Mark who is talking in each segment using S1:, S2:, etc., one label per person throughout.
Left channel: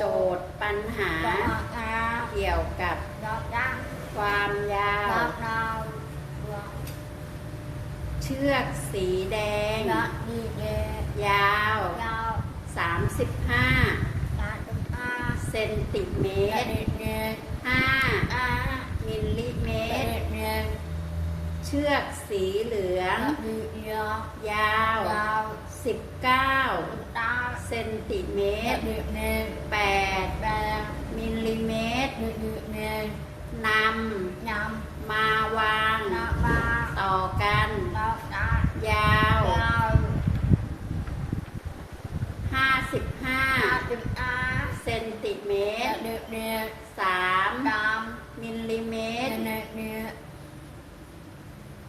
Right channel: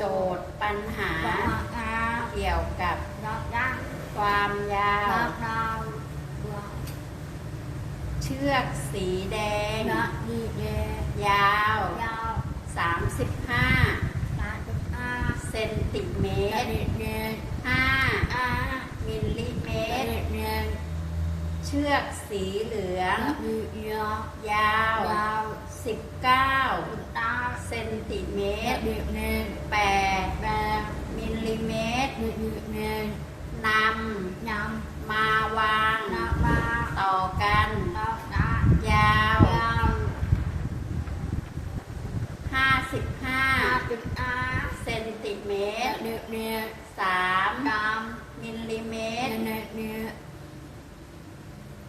S1: เกี่ยวกับ
S2: Nó đang
S1: ความยาว
S2: Nó nào Nó
S1: เชือกสีแดง
S2: Nó đi về
S1: ยาว
S2: Nhau
S1: 35
S2: Ta chúng ta
S1: เซนติเม
S2: Nó
S1: ตร
S2: đi về
S1: 5
S2: À
S1: มิลลิเม
S2: Nó
S1: ตร
S2: đi về
S1: เชือกสีเหลือง
S2: Nó đi về
S1: ยาว
S2: Nhau
S1: 19
S2: Ta
S1: เซนติเม
S2: ตร เม
S1: ตร
S2: แป
S1: ด
S2: แปด
S1: มิลลิเมตร
S2: เมตร
S1: นำ
S2: นำ
S1: มาวางต่อกันยาว
S2: ห้าสิบห้า
S1: เซนติเมตร
S2: เม
S1: ต
S2: รสา
S1: มมิลลิเมตร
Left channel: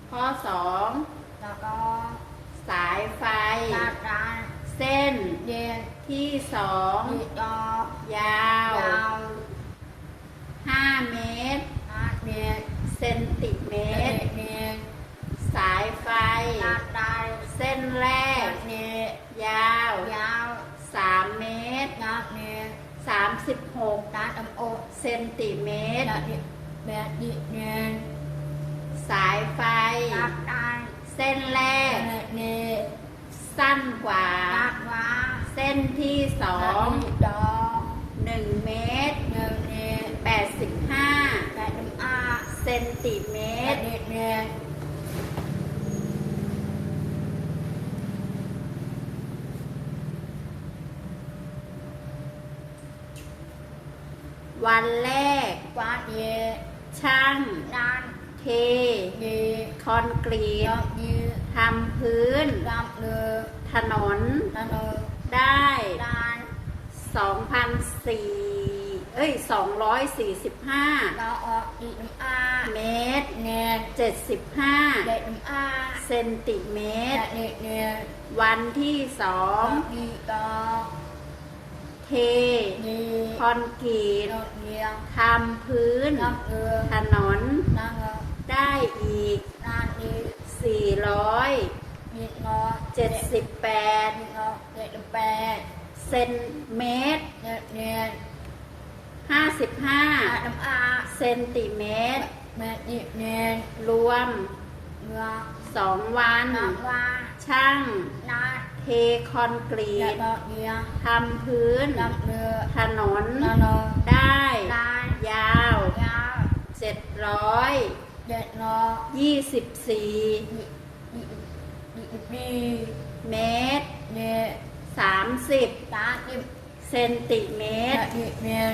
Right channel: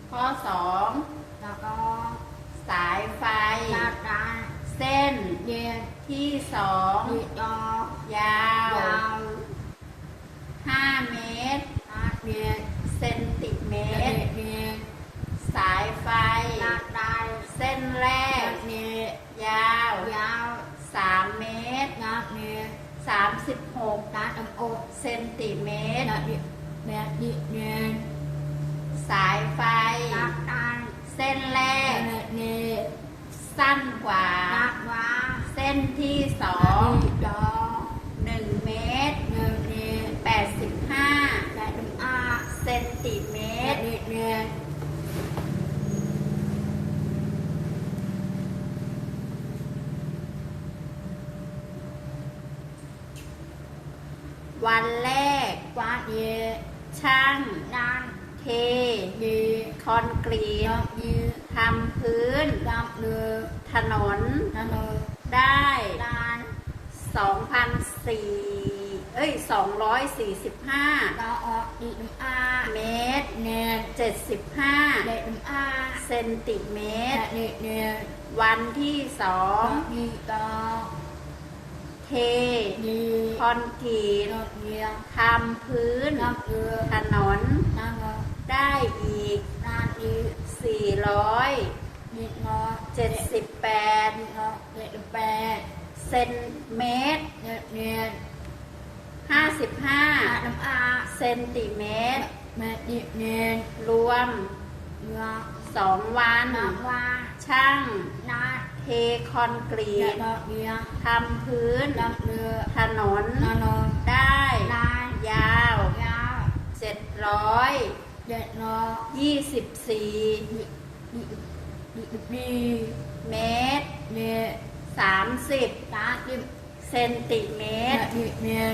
S2: ข้อ
S1: สอ
S2: ง có
S1: 2 สายไฟ
S2: Ta ta
S1: เส้น
S2: Đi
S1: ที่
S2: Đi to
S1: 2ยาว
S2: Nhau
S1: 5เมตร
S2: Ta đi
S1: เซนติเม
S2: Nó
S1: ตร
S2: đi về
S1: สายไฟ
S2: Ta ta
S1: เส้นแรก
S2: Nó đi
S1: ยาว
S2: Nhau
S1: 3เมตร
S2: Nó đi
S1: 36
S2: Ta tâm ốp
S1: เซนติเมตร
S2: Nó đi Nó đi về
S1: สายไฟ
S2: Ta ta
S1: เส้นแรก
S2: Nó đi
S1: สั้นกว่า
S2: Ta qua
S1: เส้นที่สอง
S2: Nó đi đó
S1: 1เมตร
S2: Nó đi
S1: 85
S2: Ta tâm a
S1: เซนติเม
S2: Nó
S1: ตร
S2: đi về
S1: วันแรก
S2: Qua đi
S1: ช่าง
S2: Nan
S1: เท
S2: đi
S1: คอนกรีต
S2: Nó đi
S1: ทำพื้น
S2: Gặp được
S1: ถนน
S2: Nó nở
S1: ได้
S2: Nan
S1: 2,004เอ้ย245
S2: Nó ọt đi tâm a
S1: เมตร
S2: Nè
S1: 75
S2: Để tâm a
S1: เซนติเมตร
S2: Đã đi nè
S1: วันที่สอง
S2: Nó đi to
S1: เท
S2: Đi
S1: คอนกรีต
S2: Nó đi
S1: ทำพื้น
S2: Gặp được
S1: ถนน
S2: Nó nở
S1: ได้อีก
S2: Nan đi
S1: 478
S2: Đi ngó Đi ngó Để tâm bè
S1: เซนเมตร
S2: Nè nè
S1: 55
S2: Hạ tâm a
S1: เซนติเมตร
S2: Mẹ đi nè
S1: รวม
S2: Ngó
S1: 2วัน
S2: Nó qua
S1: ช่าง
S2: Nan
S1: เทคอนกรี
S2: Để
S1: ต
S2: nó đi
S1: ทำพื้น
S2: Gặp được
S1: ถนน
S2: Nó nở
S1: ได้
S2: Nan
S1: ยาว
S2: Nhau
S1: 724
S2: Để nó Đi Đi
S1: เมตร
S2: Nè
S1: 30
S2: Ta đi
S1: เซนติเมตร
S2: Đã đi nè